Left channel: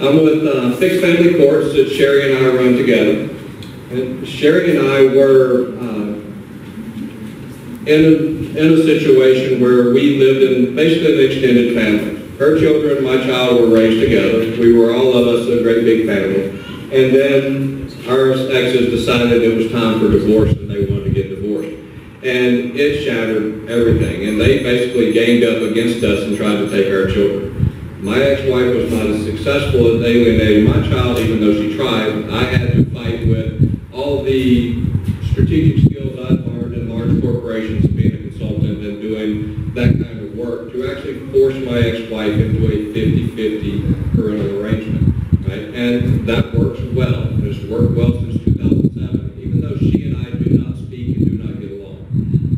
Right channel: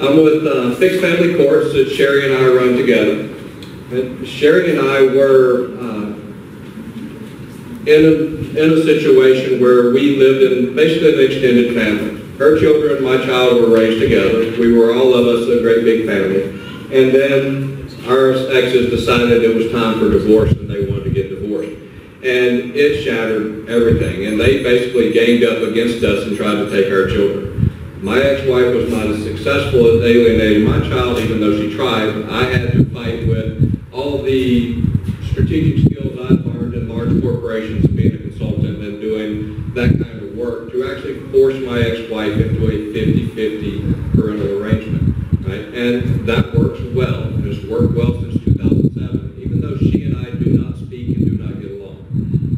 I'm with Fixed Family Courts that Sherry and I run together. And Sherry and I were in a situation where we lived in basically an extended family. Her children and my child were raised together. We were all of us a great big family. And then our exes decided it was time for divorce and they wanted to get divorced. And it shattered everything. And they basically ganged up against us and tried to take our children. My ex-wife was not as successful at alienating my child, even though she tried. I had to fight with all the strategic skills I'd learned in large corporations, being a consultant and doing that kind of work, to actually force my ex-wife into a 50-50 parental arrangement. Right? And that works well, and it's worked well since 2007, even though she and I do not speak and do not get along.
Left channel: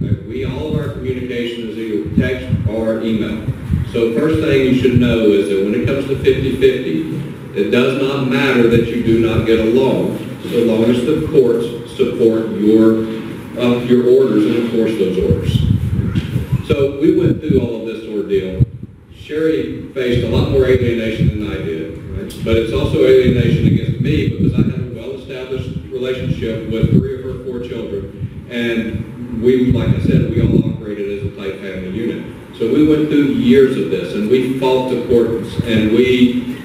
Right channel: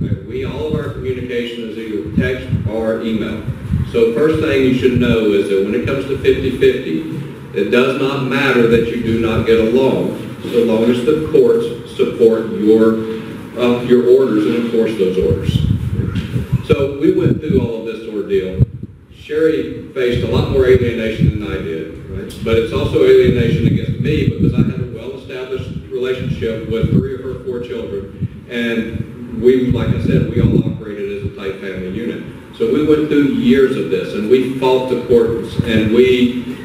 Right? All of our communication is either text or email. So first thing you should know is that when it comes to 50-50, it does not matter that you do not get along, so long as the courts support your orders and enforce those orders. So we went through all of this ordeal. Sherry faced a lot more alienation than I did, right? But it's also alienation against me because I had a well-established relationship with 3 of her 4 children, and we, like I said, we all operated as a tight family unit. So we went through years of this, and we fought the courts, and we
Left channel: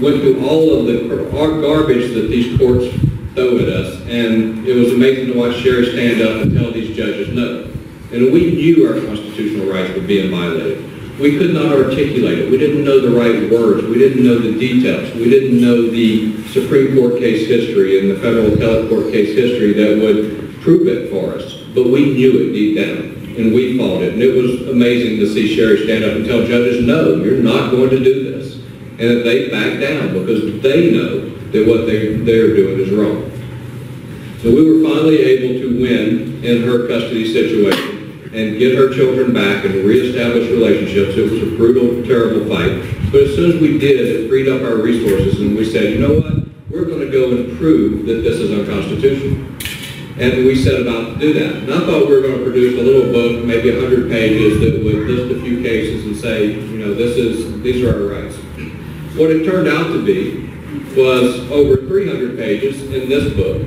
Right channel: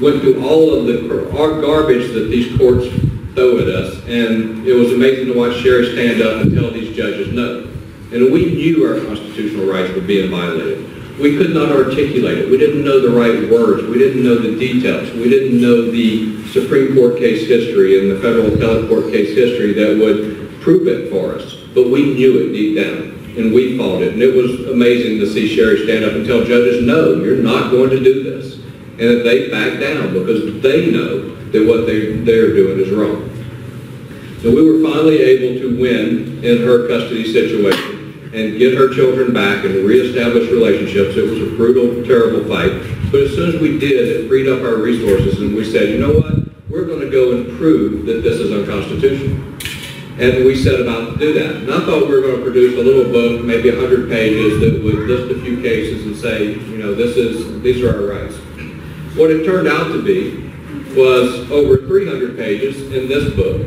went through all of our garbage that these courts throw at us, and it was amazing to watch Sherry stand up and tell these judges no. And we knew our constitutional rights were being violated. We could not articulate it. We didn't know the right words. We didn't know the details. We didn't know the Supreme Court case history and the federal appellate court case history that would prove it for us. But we knew it deep down. And we fought it. And it was amazing to see Sherry stand up and tell judges, no, you're not going to do this. And that they back down because they know that what they're doing is wrong. So we were finally able to win in her custody situation and get her children back and reestablish relationships. It was a brutal, terrible fight. But as soon as we did, it freed up our resources and we said, you know what? We're going to go and prove that this is unconstitutional. And we set about to do that. And I thought we were going to produce a little book, maybe 100 pages, that would list a few cases and say, you know, these are our rights. What it turned out to be was over 300 pages in this book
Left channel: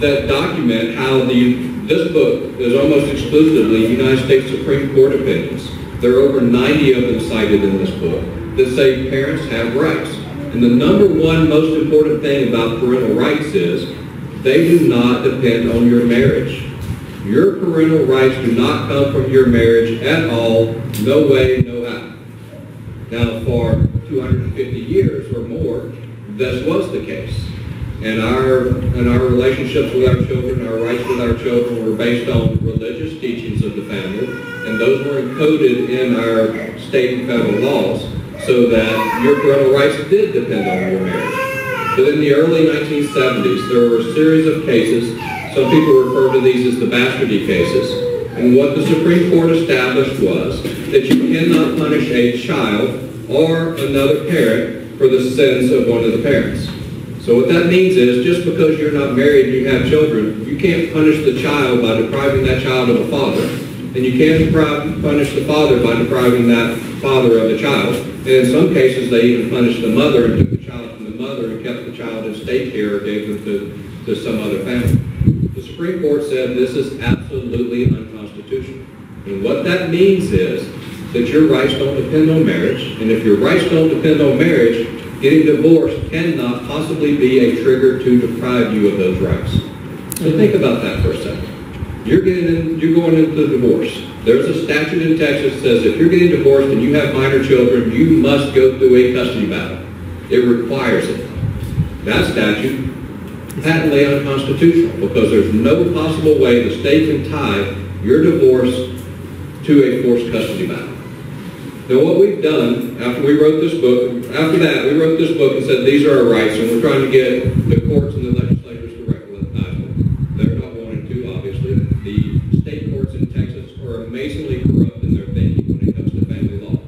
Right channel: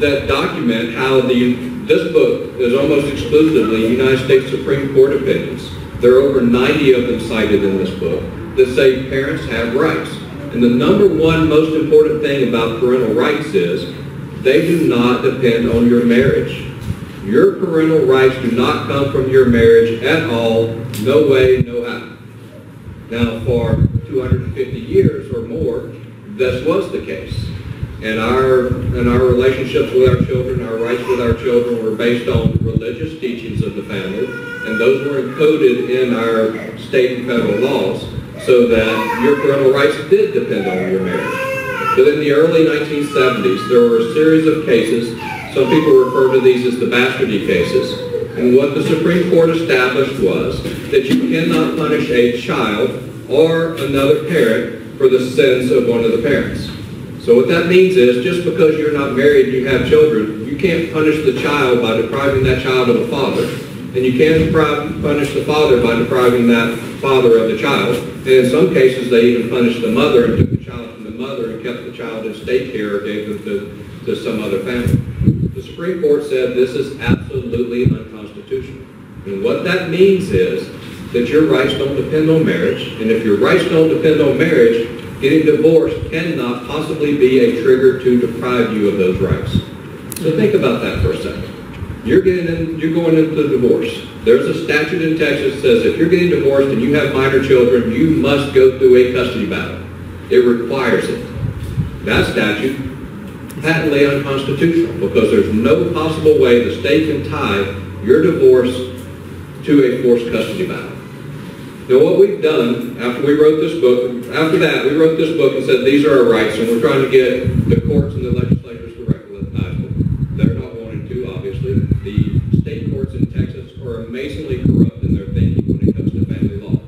that document how this book is almost exclusively United States Supreme Court opinions. There are over 90 of them cited in this book that say parents have rights. And the number one most important thing about parental rights is they do not depend on your marriage. Your parental rights do not come from your marriage at all, no way, no how. Now, for 250 years or more, this was the case. And our relationships with our children, our rights with our children were based on religious teachings of the family, and those were encoded in our state and federal laws so that your parental rights did depend on your marriage. But in the early 1970s, there were a series of cases. Some people refer to these as the bastardy cases. And what the Supreme Court established was that you cannot punish a child or another parent for the sins of one of the parents. So what that means is just because you're not married and you have children, you can't punish the child by depriving that child of a father. And you can't punish the father by depriving that father of the child. And in some cases, they even punished the mother and took the child from the mother and kept the child in state care or gave them to some other family. The Supreme Court said this is absolutely unconstitutional. And what that means is that your rights don't depend on marriage. And if your rights don't depend on marriage, getting divorced cannot possibly be a trigger to deprive you of those rights. So think about that for a second. You're going into divorce. There's a statute in Texas that says if you're getting divorced and you have minor children, you must go through a custody battle. It requires it. That statute is patently unconstitutional because there's no possible way the state can tie your divorce to a forced custody battle. Now what we've done after we wrote this book, after that we wrote this book and said these are our rights, and we're trying to get the courts and the legislators to recognize them. They're not wanting to, obviously. The state courts in Texas are amazingly corrupt in their thinking when it comes to family law.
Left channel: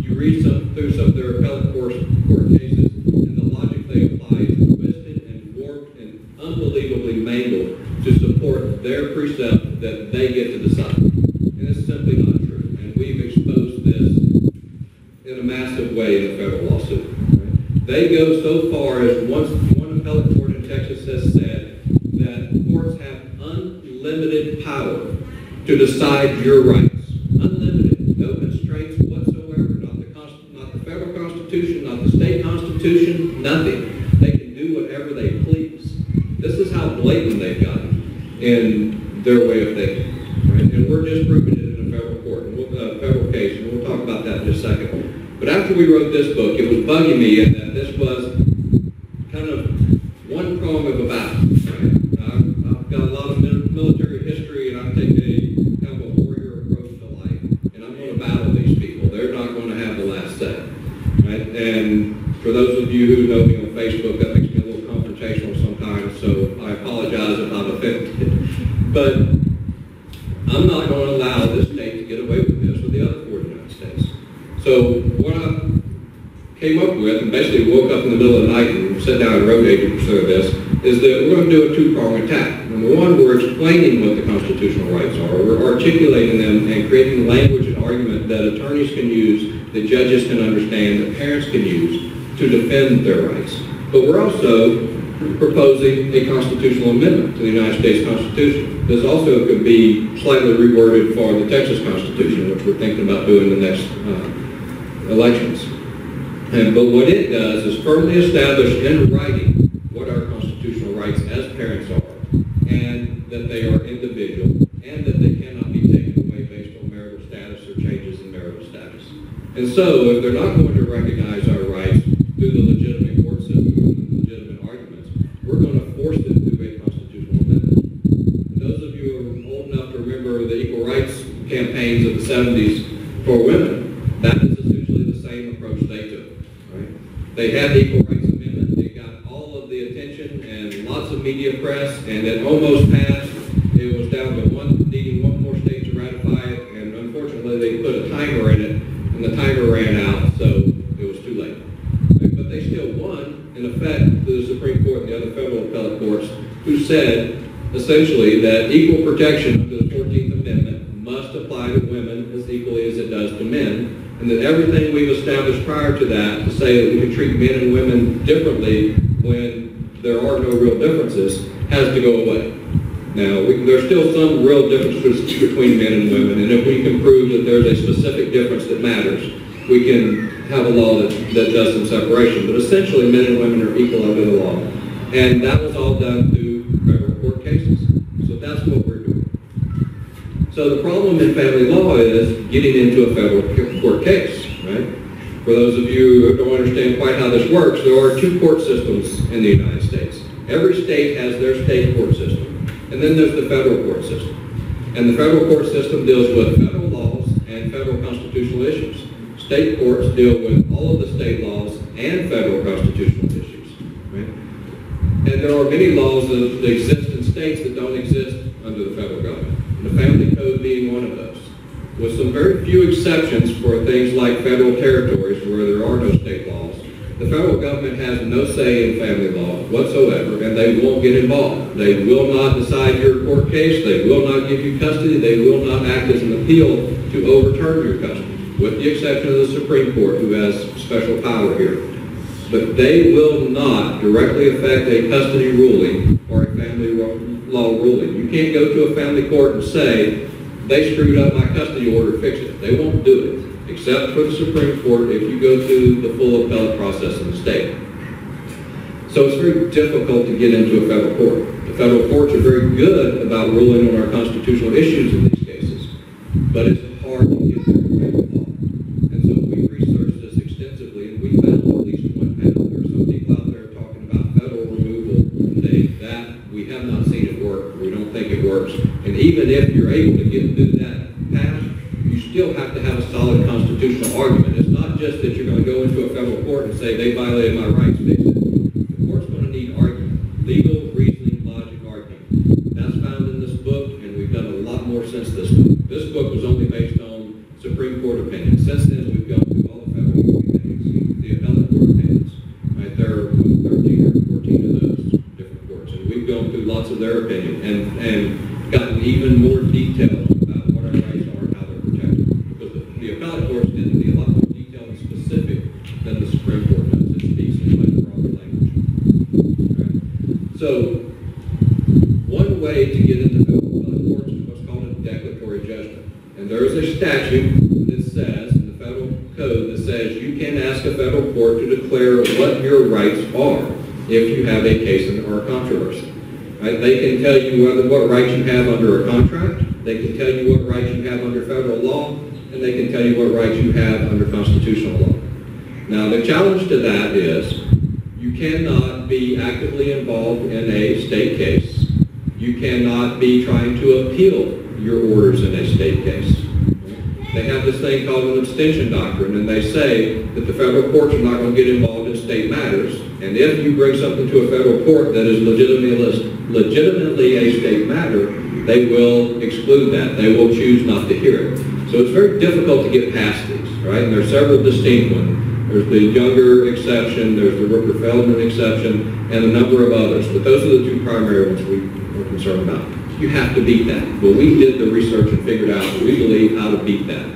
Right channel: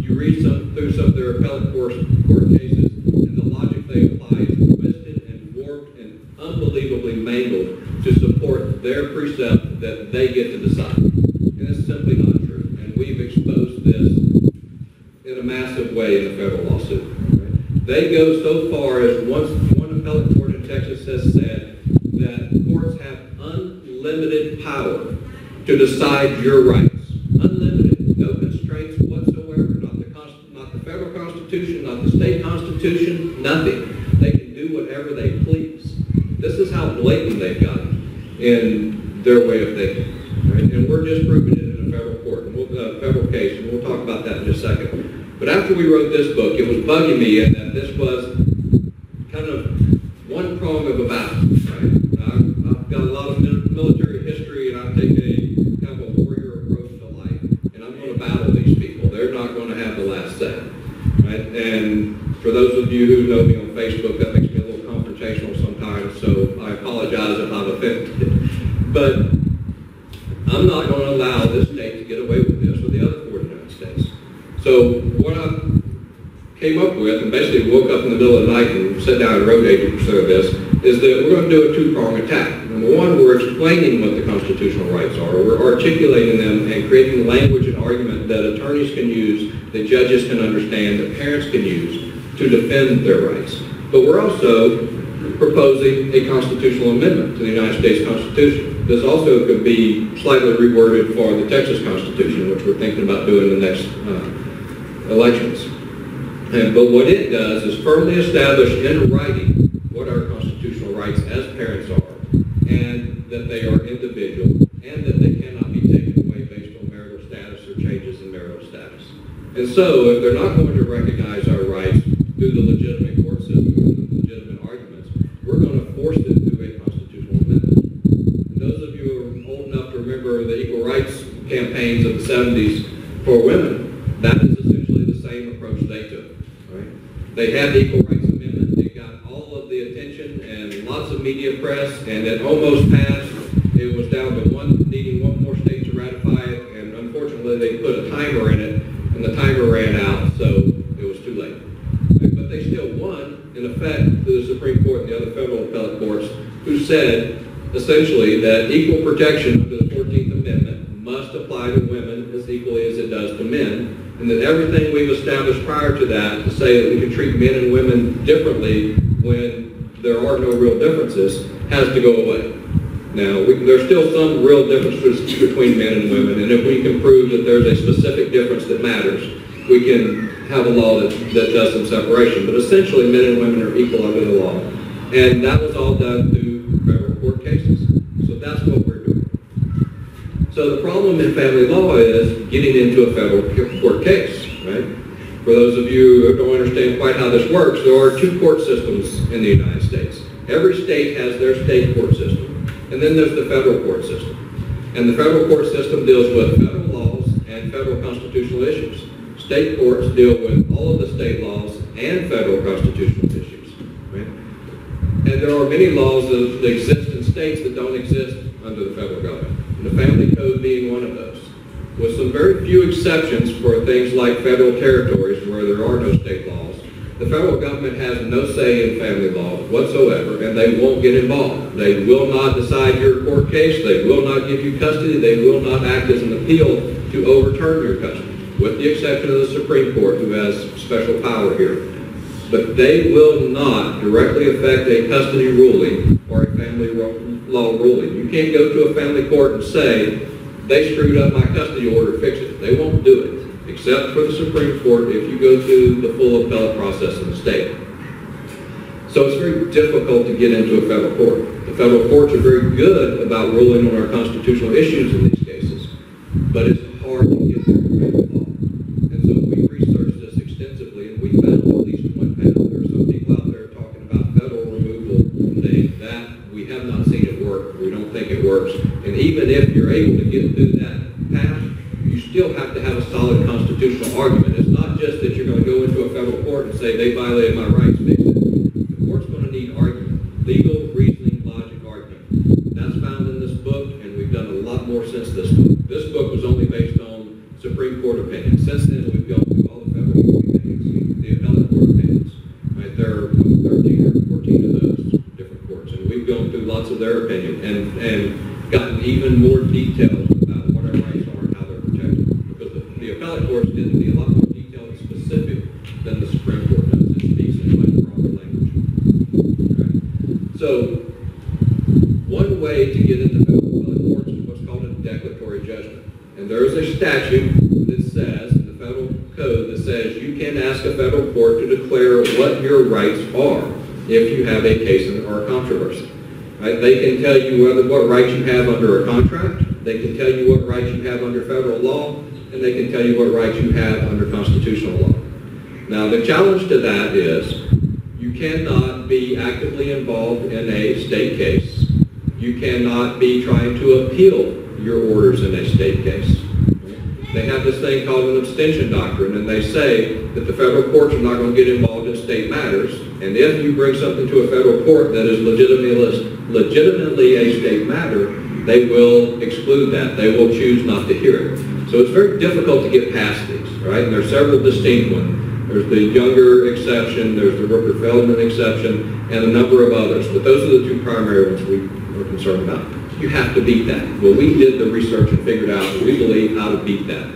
You read through some of their appellate court cases, and the logic they apply is twisted and warped and unbelievably mangled to support their precept that they get to decide. And it's simply not true. And we've exposed this in a massive way in the federal lawsuit. Right? They go so far as one appellate court in Texas has said that courts have unlimited power to decide your rights. Unlimited. No constraints whatsoever. Not the federal Constitution, not the state Constitution, nothing. They can do whatever they please. This is how blatant they've gotten in their way of thinking. Right? And we're just proving it in a federal court, and federal case, and we'll talk about that in just a second. But after we wrote this book, it was bugging me in that this was kind of one prong of a battle. Right? I've got a lot of military history, and I've taken a kind of a warrior approach to life, and I'm going to battle these people. They're not going to have the last say. Right? And for those of you who know me on Facebook, that makes me a little confrontational sometimes, so I apologize if I'm offended. But I'm not going to allow this state to get away with this or the other 4 United States. So what I came up with, and basically woke up in the middle of the night and sat down and wrote 80% of this, is that we're going to do a 2-prong attack. Number one, we're explaining what the constitutional rights are. We're articulating them and creating language and argument that attorneys can use, that judges can understand, that parents can use to defend their rights. But we're also proposing a constitutional amendment to the United States Constitution. This also could be slightly reworded for the Texas Constitution, which we're thinking about doing in the next elections. But what it does is firmly establish in writing what our constitutional rights as parents are, and that they are individual, and that they cannot be taken away based on marital status or changes in marital status. And so, if they're not going to recognize our rights through the legitimate court system and the legitimate arguments, we're going to force them through a constitutional amendment. And those of you who are old enough to remember the equal rights campaigns of the 70s for women, that is essentially the same approach they took. Right? They had the Equal Rights Amendment. It got all of the attention and lots of media press, and it almost passed. It was down to needing one more state to ratify it, and unfortunately they put a timer in it, and the timer ran out, so it was too late. Right? But they still won, in effect, to the Supreme Court and the other federal appellate courts, who said, essentially, that equal protection under the 14th Amendment must apply to women as equally as it does to men, and that everything we've established prior to that to say that we can treat men and women differently when there are no real differences has to go away. Now, there's still some real differences between men and women, and if we can prove that there's a specific difference that matters, we can have a law that does some separation. But essentially, men and women are equal under the law. And that was all done through federal court cases. So that's what we're doing. So the problem in family law is getting into a federal court case, right? For those of you who don't understand quite how this works, there are 2 court systems in the United States. Every state has their state court system, and then there's the federal court system. And the federal court system deals with federal laws and federal constitutional issues. State courts deal with all of the state laws and federal constitutional issues, right? And there are many laws that exist in states that don't exist under the federal government. And the family code being one of those. With some very few exceptions for things like federal territories where there are no state laws, the federal government has no say in family law whatsoever, and they won't get involved. They will not decide your court case. They will not give you custody. They will not act as an appeal to overturn your custody, with the exception of the Supreme Court, who has special power here. But they will not directly affect a custody ruling or a family law ruling. You can't go to a family court and say, they screwed up my custody order, fix it. They won't do it, except for the Supreme Court if you go through the full appellate process in the state. So it's very difficult to get into a federal court. The federal courts are very good about ruling on our constitutional issues in these cases, but it's hard to get through family law. And so we researched this extensively, and we found at least one path. There are some people out there talking about federal removal thing. That we have not seen it work. We don't think it works. And even if you're able to get through that path, you still have to have a solid constitutional argument. It's not just that you're going to go into a federal court and say, they violated my rights, fix it. The court's going to need argument. Legal, reasoning, logic, argument. That's found in this book, and we've done a lot more since this book. This book was only based on Supreme Court opinions. Since then, we've gone through all the federal court opinions, the appellate court opinions. Right? There are 13 or 14 of those different courts, and we've gone through lots of their opinion and gotten even more detailed about what our rights are and how they're protected. Because the appellate courts tend to be a lot more detailed and specific than the Supreme Court does. It speaks in much So one way to get into federal appellate courts is what's called a declaratory judgment. And there is a statute that says, in the federal code, that says you can ask a federal court to declare what your rights are if you have a case or a controversy. Right? They can tell you what rights you have under a contract, they can tell you what rights you have under federal law, and they can tell you what rights you have under constitutional law. Now, the challenge to that is you cannot be actively involved in a state case. You cannot be trying to appeal your orders in a state case. They have this thing called an abstention doctrine, and they say that the federal courts are not going to get involved in state matters, and if you bring something to a federal court that is legitimately a state matter, they will exclude that. They will choose not to hear it. So it's very difficult to get past these, right? And there's several distinct ones. There's the Younger exception, there's the Rooker-Feldman exception, and a number of others. But those are the two primary ones we are concerned about. You have to beat that. Well, we did the research and figured out that we believe how to beat that.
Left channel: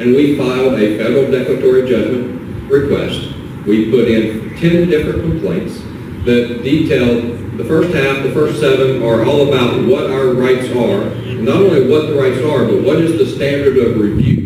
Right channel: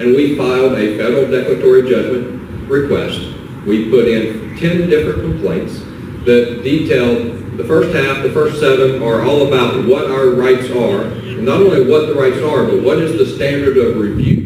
And we filed a federal declaratory judgment request. We put in 10 different complaints that detailed the first half, the first 7 are all about what our rights are. And not only what the rights are, but what is the standard of review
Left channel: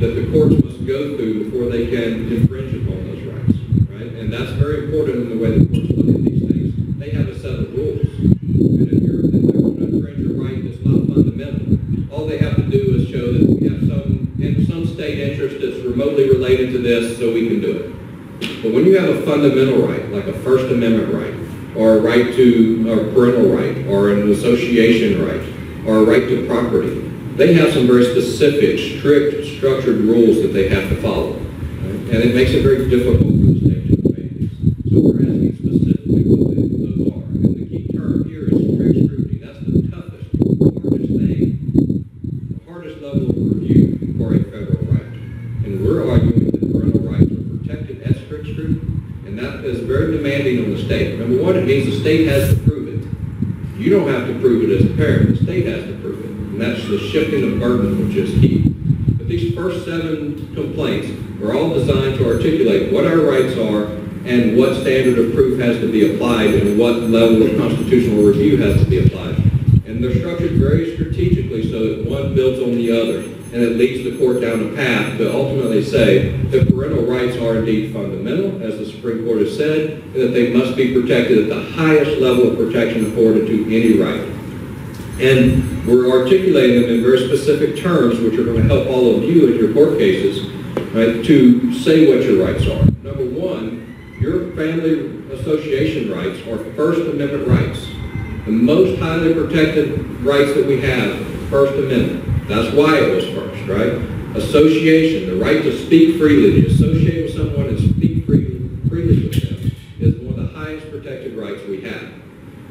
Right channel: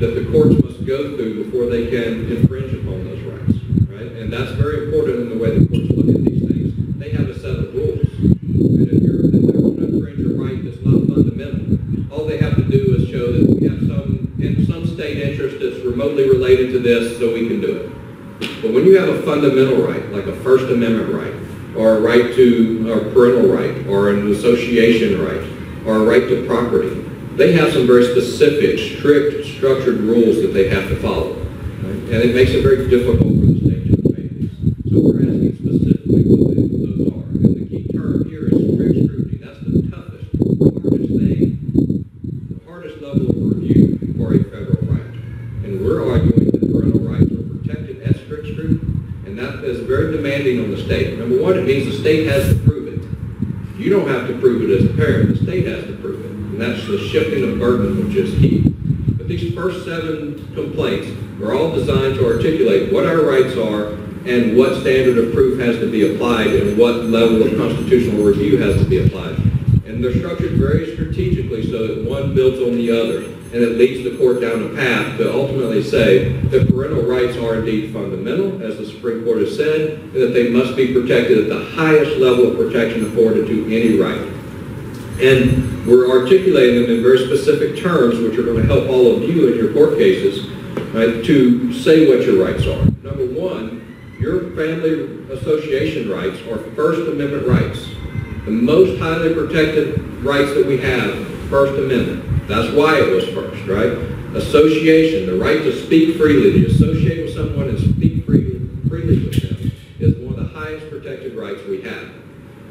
that the courts must go through before they can infringe upon those rights, right? And that's very important in the way the courts look at these things. They have a set of rules. And if they want to infringe a right that's not fundamental, all they have to do is show that we have some state interest that's remotely related to this, so we can do it. But when you have a fundamental right, like a First Amendment right, or a right to a parental right, or an association right, or a right to property, they have some very specific, strict, structured rules that they have to follow. Right? And it makes it very difficult for the state to obey these. So we're asking specifically what those are. And the key term here is strict scrutiny. That's the toughest, hardest thing, the hardest level of review for a federal right. And we're arguing that parental rights are protected at strict scrutiny. And that is very demanding on the state. Number one, it means the state has to prove it. You don't have to prove it as a parent. The state has to prove it. And that's the shifting of burden, which is key. But these first 7 complaints are all designed to articulate what our rights are and what standard of proof has to be applied and what level of constitutional review has to be applied. And they're structured very strategically so that one builds on the other, and it leads the court down a path to ultimately say that parental rights are indeed fundamental, as the Supreme Court has said, and that they must be protected at the highest level of protection afforded to any right. And we're articulating them in very specific terms, which are going to help all of you in your court cases, right, to say what your rights are. Number one, your family association rights are First Amendment rights. The most highly protected rights that we have, First Amendment. That's why it was first, right? Association, the right to speak freely, to associate with someone and speak freely with them, is one of the highest protected rights we have.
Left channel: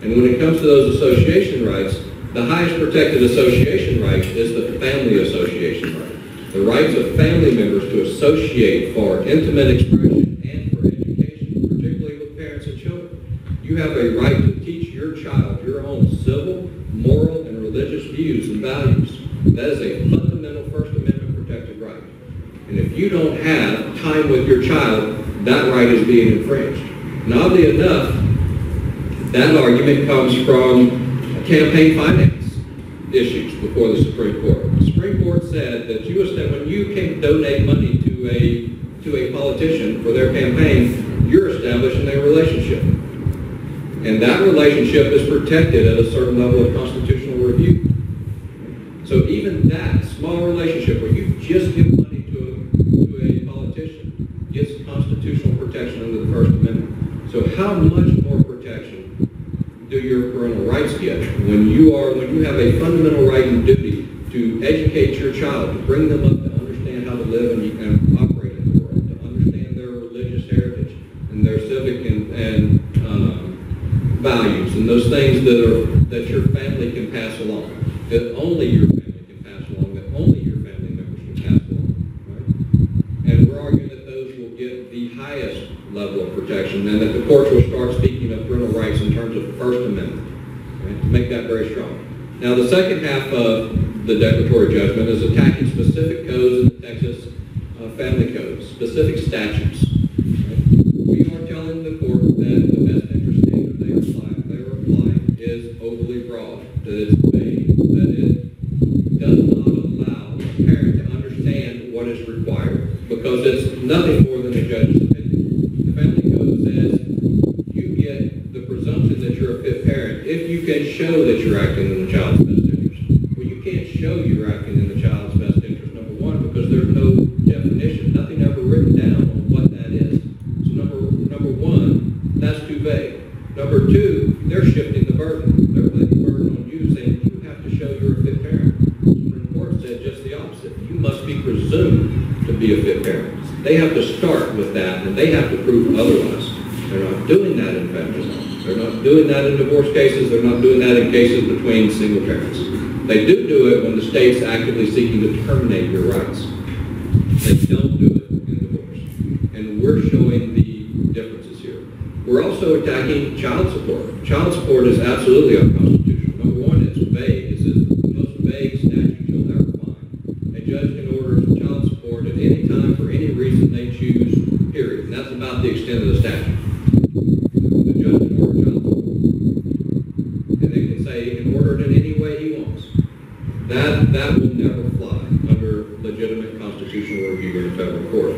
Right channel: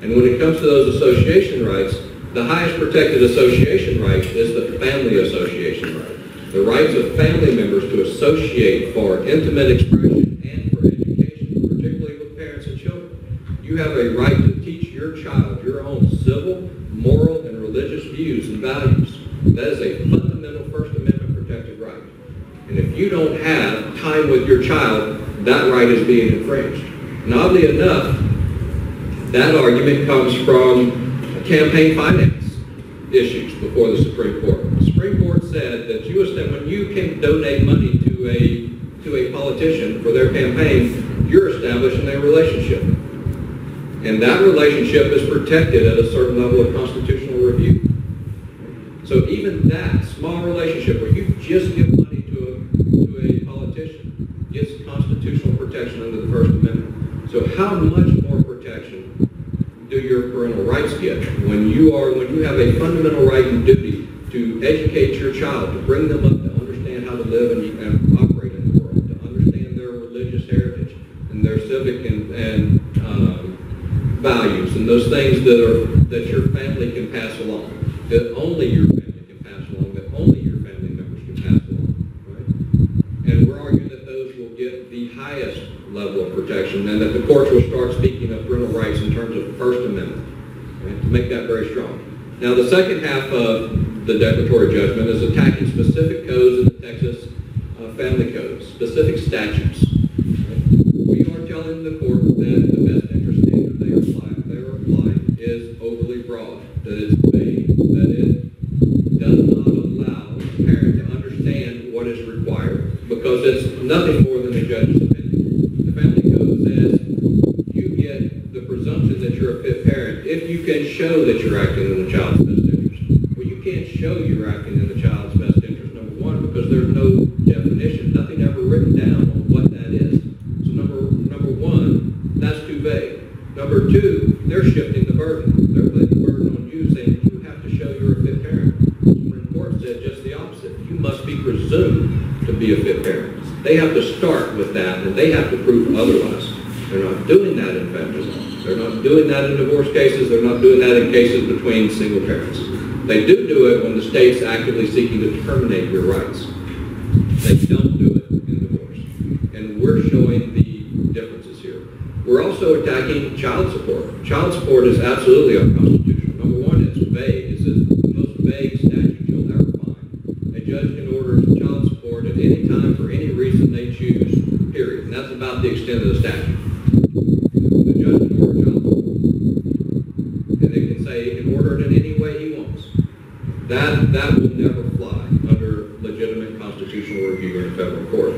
And when it comes to those association rights, the highest protected association right is the family association right. The rights of family members to associate for intimate expression and for education, particularly with parents and children. You have a right to teach your child your own civil, moral, and religious views and values. That is a fundamental First Amendment protected right. And if you don't have time with your child, that right is being infringed. And oddly enough, that argument comes from campaign finance issues before the Supreme Court. The Supreme Court said that when you can donate money to a politician for their campaign, you're establishing a relationship. And that relationship is protected at a certain level of constitutional review. So even that small relationship where you just give money to a politician gets constitutional protection under the First Amendment. So how much more protection do your parental rights get when you have a fundamental right and duty to educate your child, to bring them up to understand how to live and operate in the world, to understand their religious heritage and their civic and values and those things that your family can pass along, that only your family can pass along, that only your family members can pass along, right? And we're arguing that those will get the highest level of protection and that the courts will start speaking of parental rights in terms of First Amendment, right, to make that very strong. Now, the second half of the declaratory judgment is attacking specific codes in the Texas family code, specific statutes. Right? We We are telling the court that the best interest standard they are applying is overly broad, that it's vague, that it does not allow a parent to understand what is required, because it's nothing more than a judge's opinion. The family code says you get the presumption that you're a fit parent if you can show that you're acting in the child's best interest. Well, you can't show you're acting in the child's best interest, number one, because there's no definition, nothing ever written down on what that is. So number one, that's too vague. Number two, they're shifting the burden. They're putting the burden on you, saying you have to show you're a fit parent. The Supreme Court said just the opposite. You must be presumed to be a fit parent. They have to start with that, and they have to prove otherwise. They're not doing that in family law. They're not doing that in divorce cases. They're not doing that in cases between single parents. They do it when the state's actively seeking to terminate your rights. They don't do it in divorce. And we're showing the differences here. We're also attacking child support. Child support is absolutely unconstitutional. Number one, it's vague. It's the most vague statute you'll ever find. A judge can order child support at any time for any reason they choose, period. And that's about the extent of the statute. The judge can order child support. And they can say he can order it in any way he wants. That will never fly under legitimate constitutional review in a federal court.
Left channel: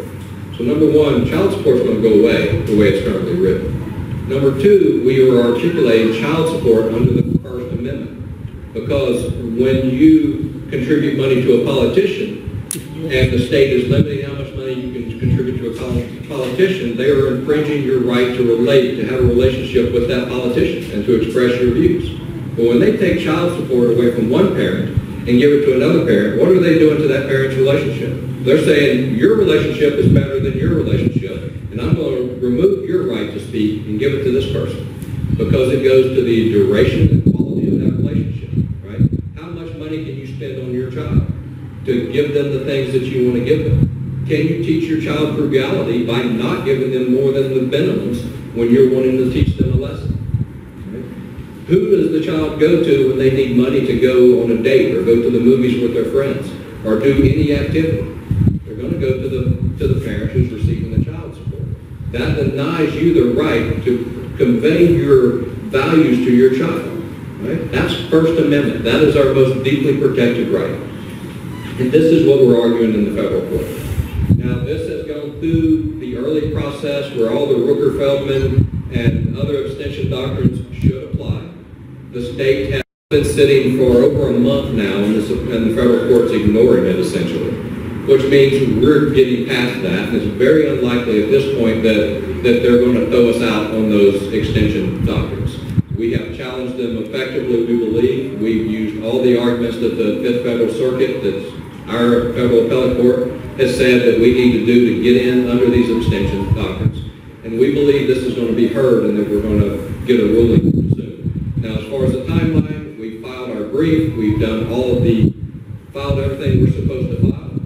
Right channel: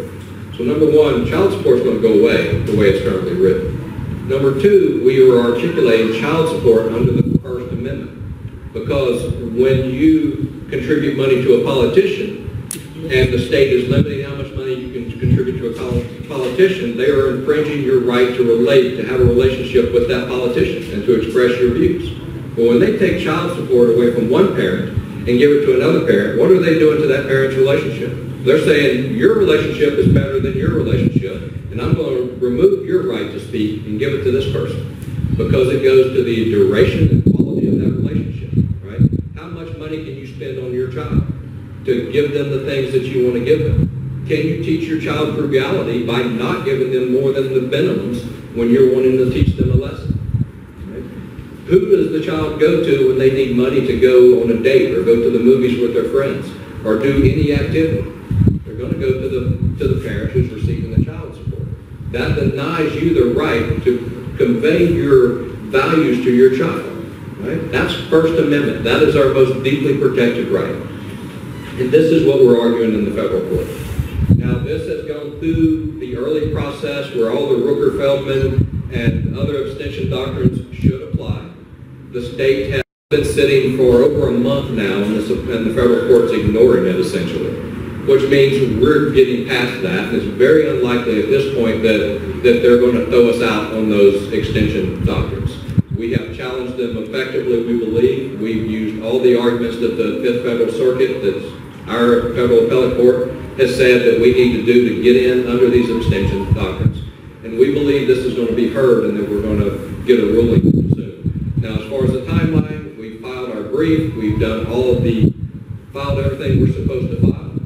So number one, child support is going to go away the way it's currently written. Number two, we are articulating child support under the First Amendment, because when you contribute money to a politician and the state is limiting how much money you can contribute to a politician, they are infringing your right to relate, to have a relationship with that politician and to express your views. But when they take child support away from one parent and give it to another parent, what are they doing to that parent's relationship? They're saying your relationship is better than your relationship, and I'm going to remove your right to speak and give it to this person, because it goes to the duration and quality of that relationship, right? How much money can you spend on your child to give them the things that you want to give them? Can you teach your child frugality by not giving them more than the minimums when you're wanting to teach them a lesson? Right? Who does the child go to when they need money to go on a date or go to the movies with their friends or do any activity? They're going to go to the parent who's receiving the child support. That denies you the right to convey your values to your child. Right? That's First Amendment. That is our most deeply protected right. And this is what we're arguing in the federal court. Now, this has gone through the early process where all the Rooker-Feldman and other abstention doctrines should apply. The state has been sitting for over a month now, and the federal court's ignoring it, essentially, which means we're getting past that, and it's very unlikely at this point that they're going to throw us out on those extension doctrines. We have challenged them effectively, we believe. We've used all the arguments that the Fifth Federal Circuit, that's our federal appellate court, has said that we need to do to get in under these abstention doctrines. And we believe this is going to be heard and that we're going to get a ruling soon. Now, as far as the timeline, we filed our brief. We've done filed everything we're supposed to file.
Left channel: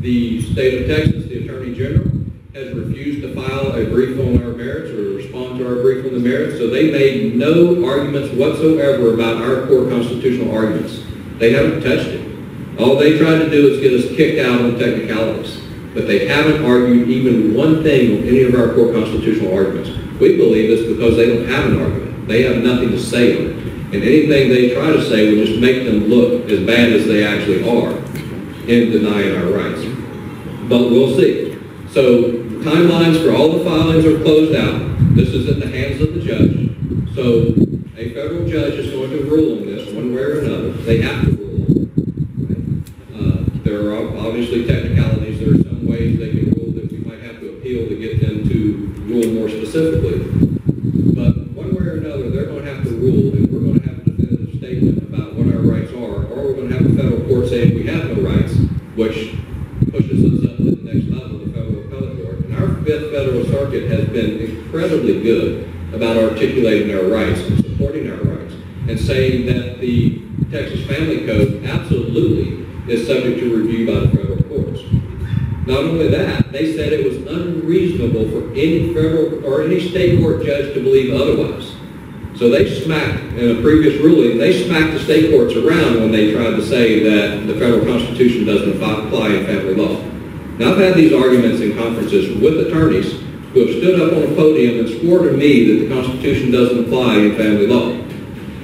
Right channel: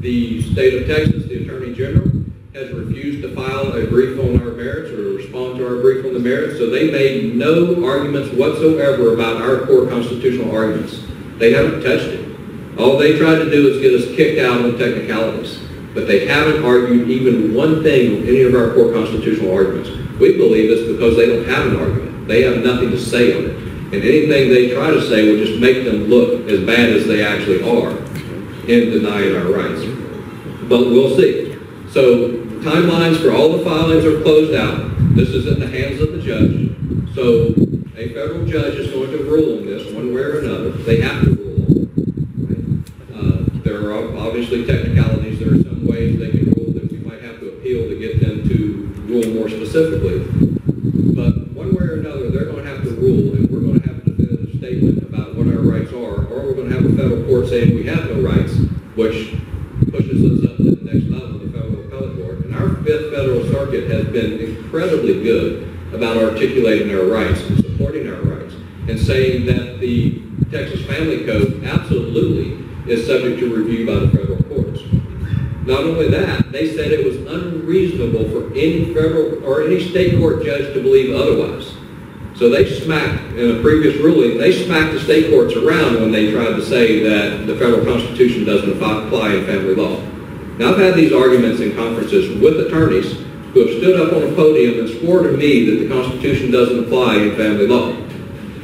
The state of Texas, the Attorney General, has refused to file a brief on our merits or respond to our brief on the merits, so they made no arguments whatsoever about our core constitutional arguments. They haven't touched it. All they tried to do is get us kicked out on technicalities, but they haven't argued even one thing on any of our core constitutional arguments. We believe it's because they don't have an argument. They have nothing to say on it. And anything they try to say will just make them look as bad as they actually are in denying our rights. But we'll see. So timelines for all the filings are closed out. This is in the hands of the judge. So a federal judge is going to rule on this one way or another. They have to rule. Right? There are obviously technicalities. There are some ways they can rule that we might have to appeal to get them to rule more specifically. But one way or another, they're going to have to rule, and we're going to have a definitive statement about what our rights are, or we're going to have a federal court saying we have no rights, which pushes us up to the next level, the federal appellate court. And our Fifth Federal Circuit has been incredibly good about articulating our rights and supporting our rights and saying that the Texas Family Code absolutely is subject to review by the federal courts. Not only that, they said it was unreasonable for any federal or any state court judge to believe otherwise. So they smacked, in a previous ruling, they smacked the state courts around when they tried to say that the federal Constitution doesn't apply in family law. Now, I've had these arguments in conferences with attorneys who have stood up on a podium and swore to me that the Constitution doesn't apply in family law.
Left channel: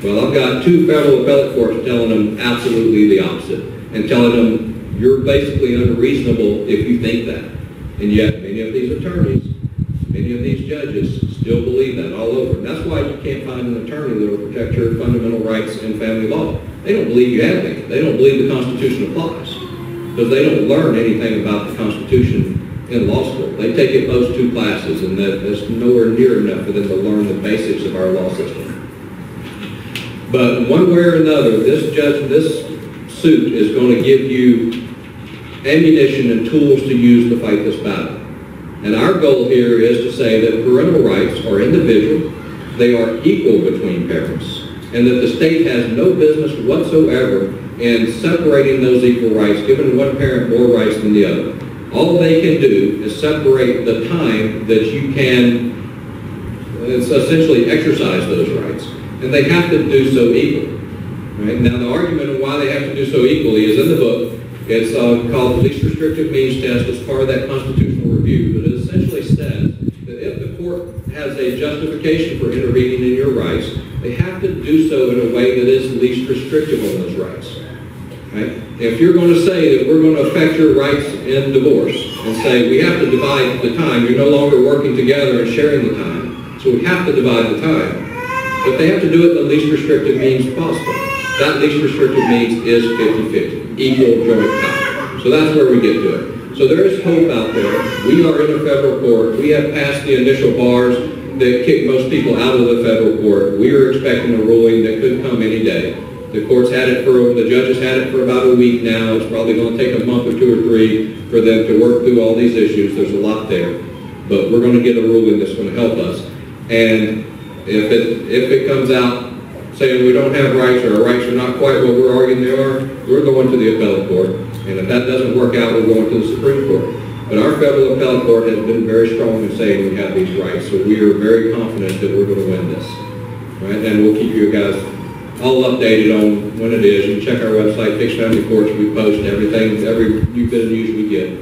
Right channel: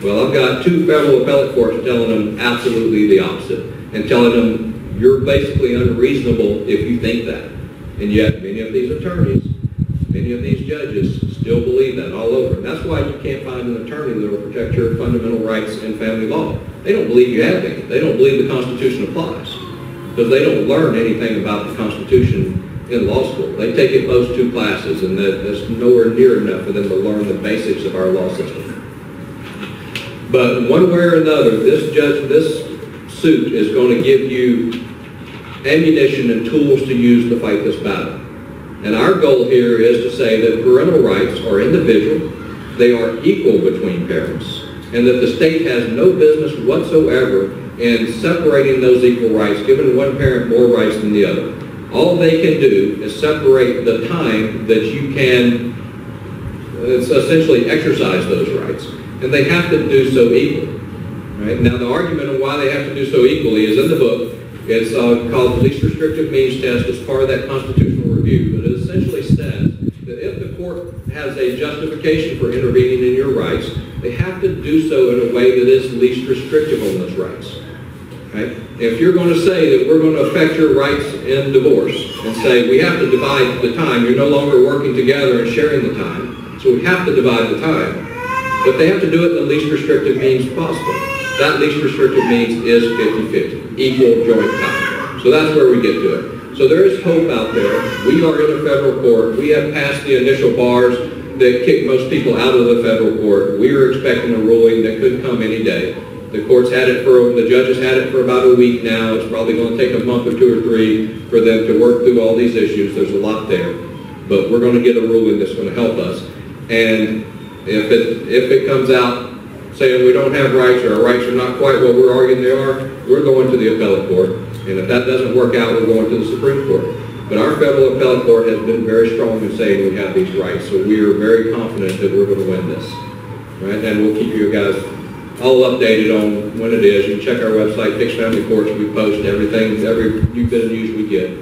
Well, I've got 2 federal appellate courts telling them absolutely the opposite, and telling them you're basically unreasonable if you think that. And yet, many of these attorneys, many of these judges still believe that all over. And that's why you can't find an attorney that will protect your fundamental rights in family law. They don't believe you have any. They don't believe the Constitution applies, because they don't learn anything about the Constitution in law school. They take at most 2 classes, and that's nowhere near enough for them to learn the basics of our law system. But one way or another, this suit is going to give you ammunition and tools to use to fight this battle. And our goal here is to say that parental rights are individual, they are equal between parents, and that the state has no business whatsoever in separating those equal rights, giving one parent more rights than the other. All they can do is separate the time that you can essentially exercise those rights. And they have to do so equally. Right? Now, the argument on why they have to do so equally is in the book. It's called the least restrictive means test. It's part of that constitutional review. But it essentially says that if the court has a justification for intervening in your rights, they have to do so in a way that is least restrictive on those rights. Right? If you're going to say that we're going to affect your rights in divorce and say we have to divide the time, you're no longer working together and sharing the time, so we have to divide the time. But they have to do it in the least restrictive means possible. That least restrictive means is 50-50, equal joint time. So that's where we get to it. So there is hope out there. We are in a federal court. We have passed the initial bars that kick most people out of the federal court. We are expecting a ruling that could come any day. The judges had it for about a week now. It's probably going to take a month or 2 or 3 for them to work through all these issues. There's a lot there. But we're going to get a ruling that's going to help us. And if it comes out saying we don't have rights or our rights are not quite what we're arguing they are, we're going to the appellate court. And if that doesn't work out, we're going to the Supreme Court. But our federal appellate court has been very strong in saying we have these rights. So we are very confident that we're going to win this. Right? And we'll keep you guys all updated on when it is. You can check our website, Fixed Family Courts. We post everything, every new bit of news we get.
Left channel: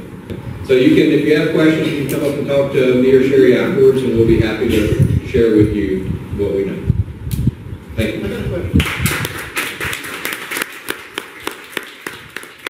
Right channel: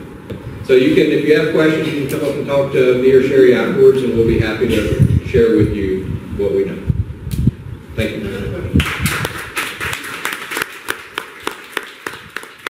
So you can, if you have questions, you can come up and talk to me or Sherry afterwards, and we'll be happy to share with you what we know. Thank you.